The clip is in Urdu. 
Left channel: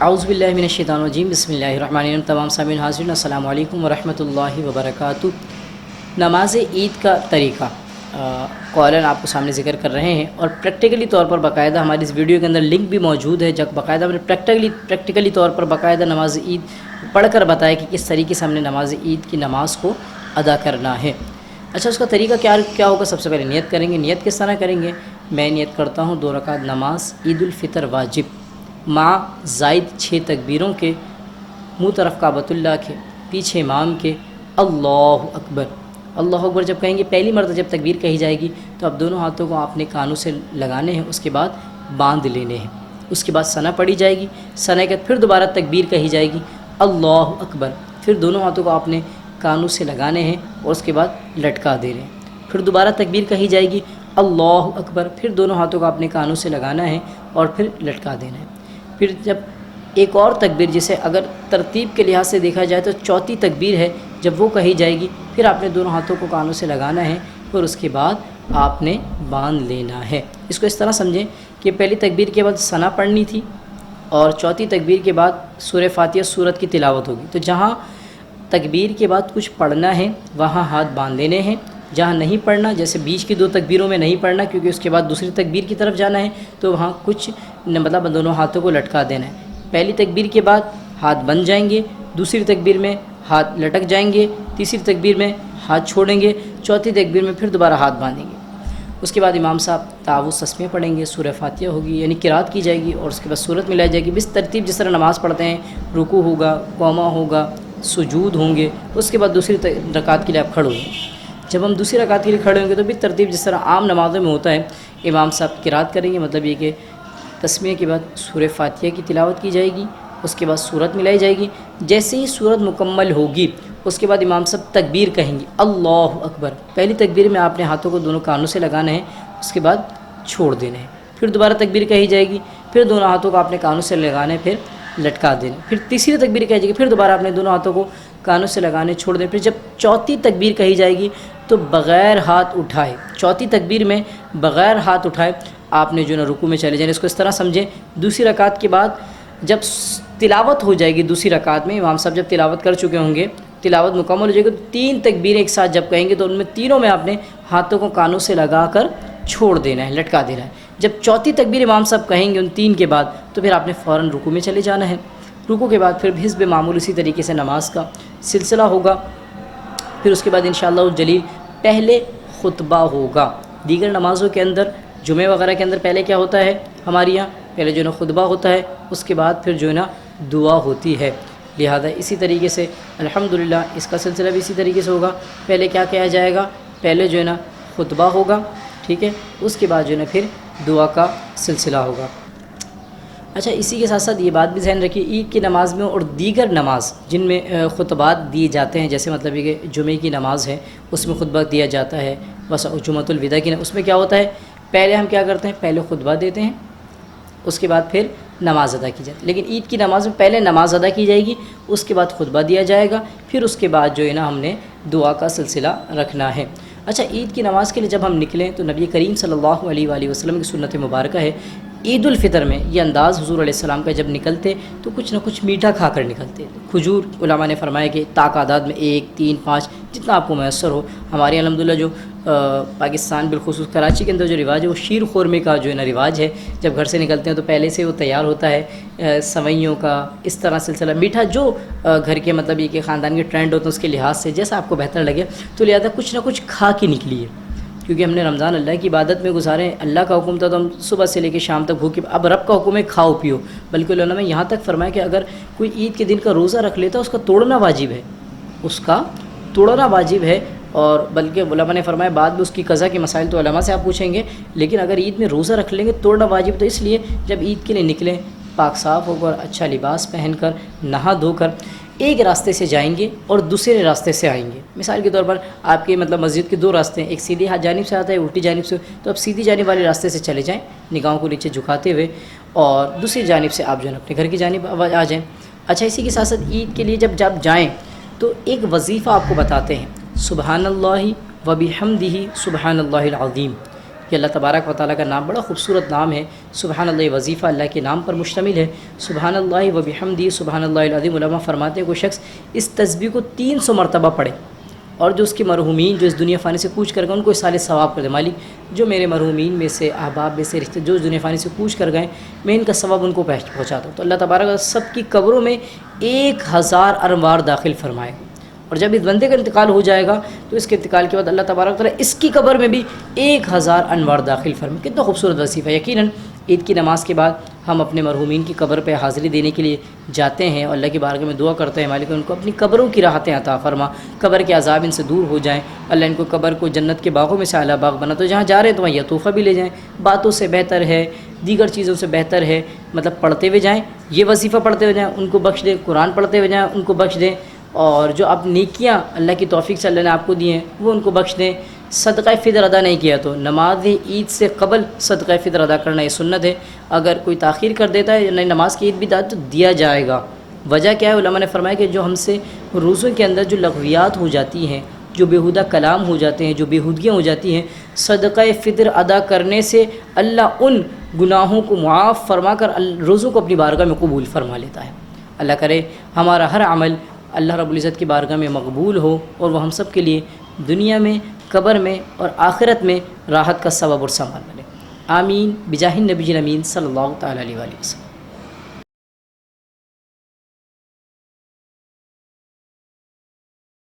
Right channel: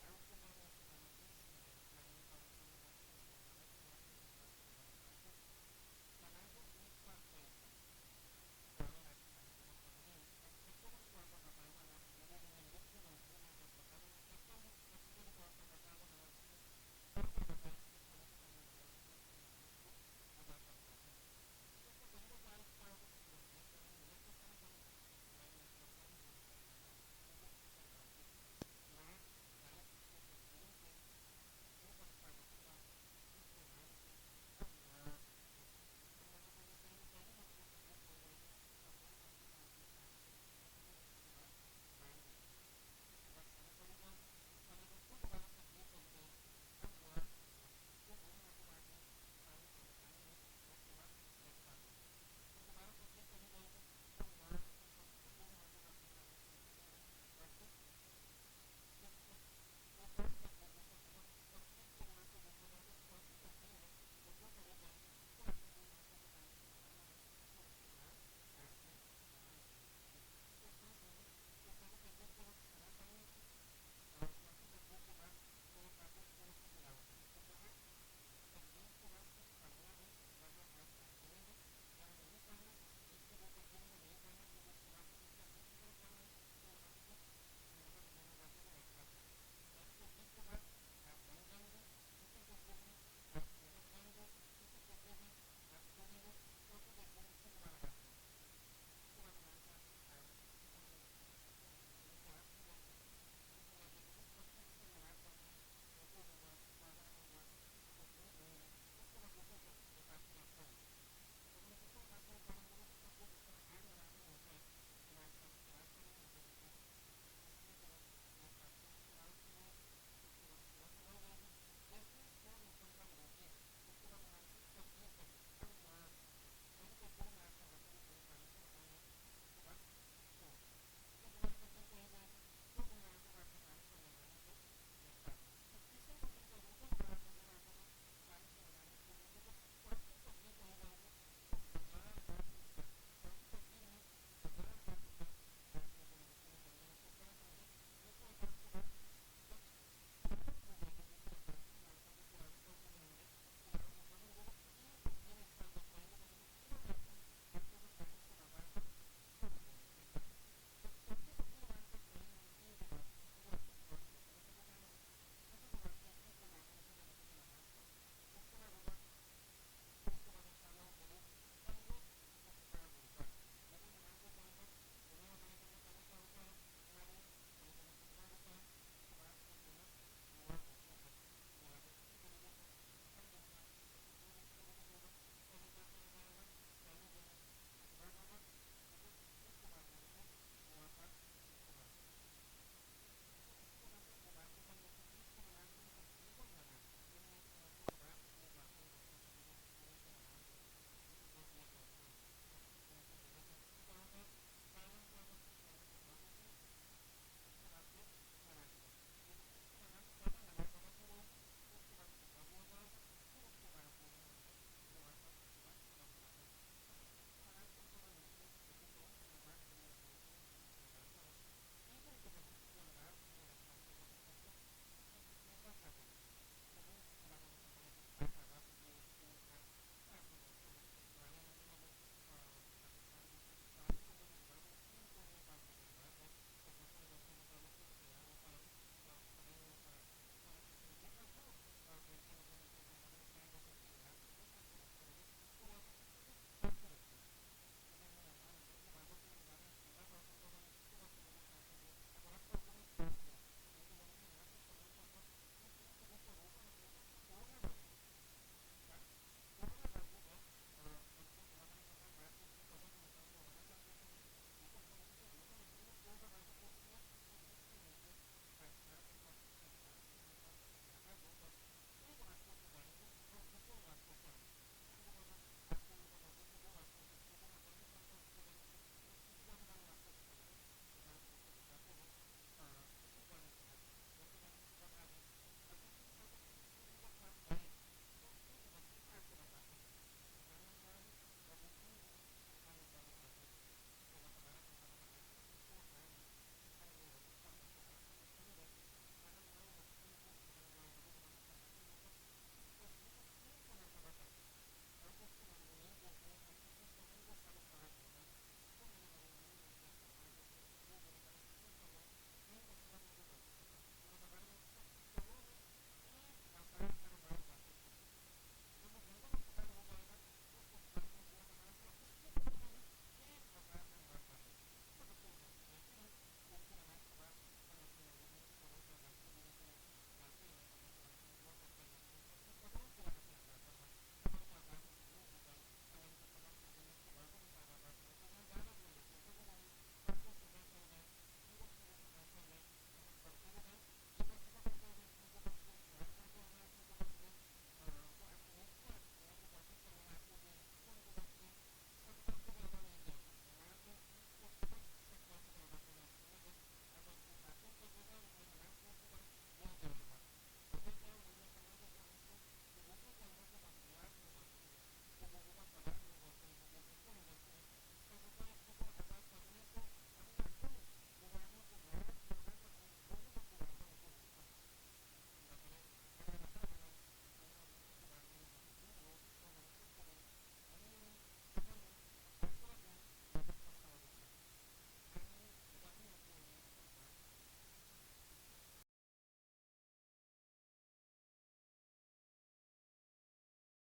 اعوذ باللہ من الشیطان الرجیم، بسم اللہ الرحمن الرحیم۔ تمام سامعین حاضرین السلام علیکم ورحمۃ اللہ وبرکاتہ۔ نماز عید کا طریقہ قولاً آپ کو سامنے ذکر کر رہے ہیں، اور پریکٹیکلی طور پر باقاعدہ ہماری اس ویڈیو کے اندر لنک بھی موجود ہے، جب باقاعدہ ہم نے پریکٹیکلی طور پر باقاعدہ نماز عید پڑھ کر بتایا کہ کس طریقے سے ہم نے نماز عید کی نماز کو ادا کرنا ہے۔ اچھا، اس کا طریقہ کیا ہوگا؟ سب سے پہلے نیت کریں گے۔ نیت کس طرح کریں گے؟ میں نیت کرتا ہوں 2 رکعت نماز عید الفطر واجب مع زائد 6 تکبیروں کے، منہ طرف کعبۃ اللہ کے، پیچھے امام کے، اللہ اکبر۔ اللہ اکبر جب کہیں گے، پہلی مرتبہ جب تکبیر کہی جائے گی تو اب دونوں ہاتھوں کو آپ نے کانوں سے لگانے ہیں، اس کے بعد باندھ لینے ہیں۔ اس کے بعد ثنا پڑھی جائے گی، ثنا کے بعد پھر دوبارہ تکبیر کہی جائے گی، اللہ اکبر۔ پھر دونوں ہاتھوں کو آپ نے کانوں سے لگانے ہیں اور اس کے بعد لٹکا دینے ہیں۔ پھر دوبارہ تکبیر کہی جائے گی، اللہ اکبر۔ پھر دونوں ہاتھوں کو آپ نے کانوں سے لگانا ہے اور پھر لٹکا دینا ہے۔ پھر جب ایک اور تکبیر، جسے اگر ترتیب کے لحاظ سے دیکھا جائے تو چوتھی تکبیر ہے، جب وہ کہی جائے گی پھر آپ نے دونوں ہاتھوں کو کانوں سے لگانا ہے، پھر اس کے بعد آپ نے باندھ لینا ہے۔ اس کو اس طرح سمجھیں کہ پہلی تکبیر کے بعد ثنا پڑھنی تھی اور چوتھی تکبیر کے بعد سورہ فاتحہ سورت کی تلاوت ہوگی، تو جہاں تکبیر کے بعد کچھ پڑھنا ہے وہاں ہاتھ باندھ لینے ہیں، جہاں نہیں پڑھنا، جیسے بیچ کی 2 تکبیروں میں نہیں پڑھنا کیونکہ اس کے بعد دوسری تکبیر کی طرف جانا ہے، تو وہاں کچھ مطلب دونوں ہاتھوں کو لٹکا دینا ہے۔ پہلی تکبیر کے بعد ہاتھ بن جائیں گے، دوسری تکبیر میں ہاتھ لٹک جائیں گے، تیسری تکبیر میں ہاتھ چھوڑیں گے، چوتھی تکبیر میں پھر دوبارہ ہاتھ باندھیں گے۔ اس کے بعد امام صاحب تعوذ تسمیہ پڑھیں گے، سورہ فاتحہ ہوگی یعنی قرات کی جائے گی، اور اس کے بعد سورت ملائی جائے گی، بس ترتیب جس طرح نماز پڑھتے ہیں، رکوع ہوگا، قوما ہوگا، سجود ہوں گے، اس کے بعد دوسری رکعت کے لیے آپ کھڑے ہوں گے۔ جب ہم دوسری رکعت کے لیے کھڑے ہوں گے تو بھی ترتیب جس طرح عام نمازوں میں ہوتا ہے، امام صاحب قرات کریں گے، مطلب یہ کہ تسمیہ کے بعد سورہ فاتحہ کی تلاوت کی جائے گی، اس کے بعد سورت ملائی جائے گی۔ جیسے ہی سورت مکمل ہوگی اس کے بعد امام صاحب تکبیر کہیں گے، اللہ اکبر۔ پہلی تکبیر میں آپ نے ہاتھوں کو دونوں کانوں سے لگانا ہے، اس کے بعد چھوڑ دینا ہے۔ پھر دوبارہ تکبیر کہی جائے گی، پھر دونوں ہاتھوں کو آپ نے کانوں سے لگانا ہے، پھر لٹکا دینا۔ پھر تیسری تکبیر کہی جائے گی، پھر دوبارہ آپ نے دونوں ہاتھوں کو کانوں سے لگانے چھوڑ دیں۔ پھر جب چوتھی تکبیر کہی جائے گی تو بغیر ہاتھ اٹھائے، چوتھی تکبیر میں بغیر ہاتھ اٹھائے آپ نے جو نا رکوع میں چلے جائیں۔ اس کو اس طرح سمجھیں، دوسری رکعت کے بعد جب تلاوت ہو جائے گی، دوسری رکعت میں امام صاحب جب تلاوت کر چکے ہوں گے، تلاوت مکمل ہو جائے گی، تو 3 تکبیریں ایک ساتھ جب کہیں گے تو ان میں تینوں میں آپ نے ہاتھوں کو کانوں سے لگا کر چھوڑ دینا ہے، لٹکا دینا ہے۔ جب چوتھی تکبیر امام صاحب کہیں گے ان 3 کے بعد تو پھر آپ نے فوراً رکوع میں چلے جانا ہے۔ رکوع کے بعد پھر حسب معمول اسی طریقے سے نماز کا سلسلہ ہوگا۔ پھر اس کے بعد انشاءاللہ الجلیل پہلے خطبہ ہوگا۔ دیگر نمازوں کے اندر، جمعہ وغیرہ کے اندر پہلے کیا ہوتا ہے ہمارے یہاں؟ پہلے جو نا خطبہ ہوتا ہے، اس کے بعد پھر جو ہے نا دعا ہوتی ہے۔ لہذا اسی طریقے سے الحمدللہ اس کا سلسلہ بھی اسی طریقے سے ہوگا۔ پہلے کیا کیا جائے گا؟ پہلے جو ہے نا خطبہ ہوگا، ٹھیک ہے، اس کے بعد جو ہے نا پھر دعا کا سلسلہ ہوگا۔ اچھا، اسی کے ساتھ ساتھ یہ بات بھی ذہن رکھیے، عید کی نماز میں اور دیگر نماز جن میں خطبات دیے جاتے ہیں، جیسے مطلب یہ کہ جمعے کی نماز ہے اس میں خطبہ دیا جاتا ہے، بس جمعۃ الوداع کی اس میں کیا ہوتا ہے، پہلے ہم کیا کرتے ہیں، پہلے خطبہ دیتے ہیں، اس کے بعد پھر نماز ادا کی جاتی ہے۔ لیکن عید کی نماز میں پہلے نماز ادا کی جائے گی، اس کے بعد خطبہ دیا جائے گا، پھر اس کے بعد جو ہے نا ہم نے دعا کا سلسلہ رکھنا ہے۔ اچھا، عید کی نماز کے لیے جب ہم نکلیں تو نبی کریم صلی اللہ علیہ وآلہ وسلم کی سنت مبارکہ ہے، عید الفطر میں یہ انداز حضور علیہ السلام کا، جب نکلتے تو کچھ نہ کچھ میٹھا کھا کر نکلتے۔ کھجور علماء نے فرمایا کہ تعداد میں 1، 3، 5 جتنا آپ کو میسر ہو۔ ہمارے الحمدللہ جو پاکستان بالخصوص کراچی کے اندر جو رواج ہے وہ شیر خورمے کا جو ہے نا رواج ہے، جب گھر سے نکلتے ہیں تو پہلے سے وہ تیار ہوتا ہے سوئیوں کا، اس طرح سلسلہ میٹھا جو گھر کے مطلب یہ کہ خاندان کے ٹرینڈ ہوتے ہیں اس کے لحاظ سے جیسا آپ کو بہتر لگے، تو لہٰذا کچھ نہ کچھ کھا کے نکلیے، کیونکہ ہم نے رمضان اللہ کی عبادت میں گزارے، اللہ کا حکم تھا تو ہم صبح سے لے کے شام تک بھوکے، اب رب کا حکم ہے کھاؤ پیو۔ بلکہ علماء نے یہاں تک فرمایا کہ اگر کوئی عید کے دن کا روزہ رکھ لیتا ہے اس کا توڑنا واجب ہے، اس کا توڑنا واجب ہے۔ اور بلکہ علماء نے فرمایا بعد میں اس کی قضا کے مسائل تو علماء سے آپ پوچھیں گے، لیکن اگر عید میں روزہ رکھ لیں گے توڑنا واجب، تو اس لیے جب عید کے لیے نکلیں پاک صاف ہو کر، اچھا لباس پہن کر، نہا دھو کر ایک راستے سے جائیں گے اور دوسرے راستے سے آئیں گے۔ مثال کے طور پر آپ کے مطلب مسجد کے 2 راستے ہیں، ایک سیدھی جانب سے آتا ہے، الٹی جانب سے، تو آپ سیدھی جانب والے راستے سے چلے جائیں نگاہوں کو نیچے جھکاتے ہوئے، اور دوسری جانب سے آپ جو ہے اپنے گھر کی جانب آ جائیں۔ اچھا، اسی کے ساتھ ساتھ عید کے لیے جب جائیں تو ایک وظیفہ آپ کو بتاتے ہیں، سبحان اللہ وبحمدہ سبحان اللہ العظیم۔ یہ اللہ تبارک و تعالیٰ کا نام بڑا خوبصورت نام ہے۔ سبحان اللہ وظیفہ اللہ کے نام پر مشتمل ہے۔ سبحان اللہ و بحمدہ سبحان اللہ العظیم، علماء فرماتے ہیں کوئی شخص اس تسبیح کو 300 مرتبہ پڑھے اور جو اس کے مرحومین جو اس دنیا فانی سے کوچ کر گئے ان کو سال ثواب کر دے۔ مالک جو میرے مرحومین میں سے، احباب میں سے، رشتے جو اس دنیا فانی سے کوچ کر گئے میں ان کا ثواب ان کو پہنچاتا ہوں۔ تو اللہ تبارک سب کی قبروں میں 1000 انوار داخل فرمائے، اور جب اس بندے کا انتقال ہو جائے گا تو اس کے انتقال کے بعد اللہ تبارک تعالیٰ اس کی قبر میں بھی 1000 انوار داخل فرمائے۔ کتنا خوبصورت وظیفہ ہے۔ یقیناً عید کی نماز کے بعد ہم اپنے مرحومین کی قبر پہ حاضری دینے کے لیے جاتے ہیں اور اللہ کی بارگاہ میں دعا کرتے ہیں، مالک ان کو اپنی قبروں کی راحتیں عطا فرما، قبر کے عذاب ان سے دور ہو جائیں، اللہ ان کو قبر کو جنت کے باغوں میں سے اعلیٰ باغ بنا، تو جہاں جا رہے ہیں تو وہاں یہ تحفہ بھی لے جائیں۔ باتوں سے بہتر ہے، دیگر چیزوں سے بہتر ہے، مطلب پڑھتے ہوئے جائیں، یہ وظیفہ پڑھتے ہوئے جائیں، ان کو بخش دیں، قرآن پڑھتے ہوئے جائیں، ان کو بخش دیں، اور جو آپ نیکیاں اللہ کی توفیق سے اللہ نے آپ کو دی ہیں وہ ان کو بخش دیں۔ صدقہ فطر ادا نہیں کیا تو نماز عید سے قبل صدقہ فطر ادا کرنا یہ سنت ہے۔ اگر کوئی تاخیر کر دیتا ہے یعنی نماز کی عید بھی تو دیا جائے گا۔ وجہ کیا ہے؟ علماء نے فرمایا کہ جو ہم سے روزوں کے اندر جو لغویات ہو جاتی ہیں، جو بیہودہ کلام ہو جاتے ہیں، جو بیہودگیاں ہو جاتی ہیں، صدقہ فطر ادا کرنے سے اللہ ان گناہوں کو معاف فرما کر روزوں کو اپنی بارگاہ میں قبول فرما لیتا ہے۔ اللہ کرے ہمارا ہر عمل اللہ رب العزت کی بارگاہ میں مقبول ہو اور وہ ہم سب کے لیے دنیا میں، قبر میں اور آخرت میں راحت کا سبب اور سامان بنے۔ آمین بجاہ النبی الامین صلی اللہ تعالیٰ علیہ وسلم۔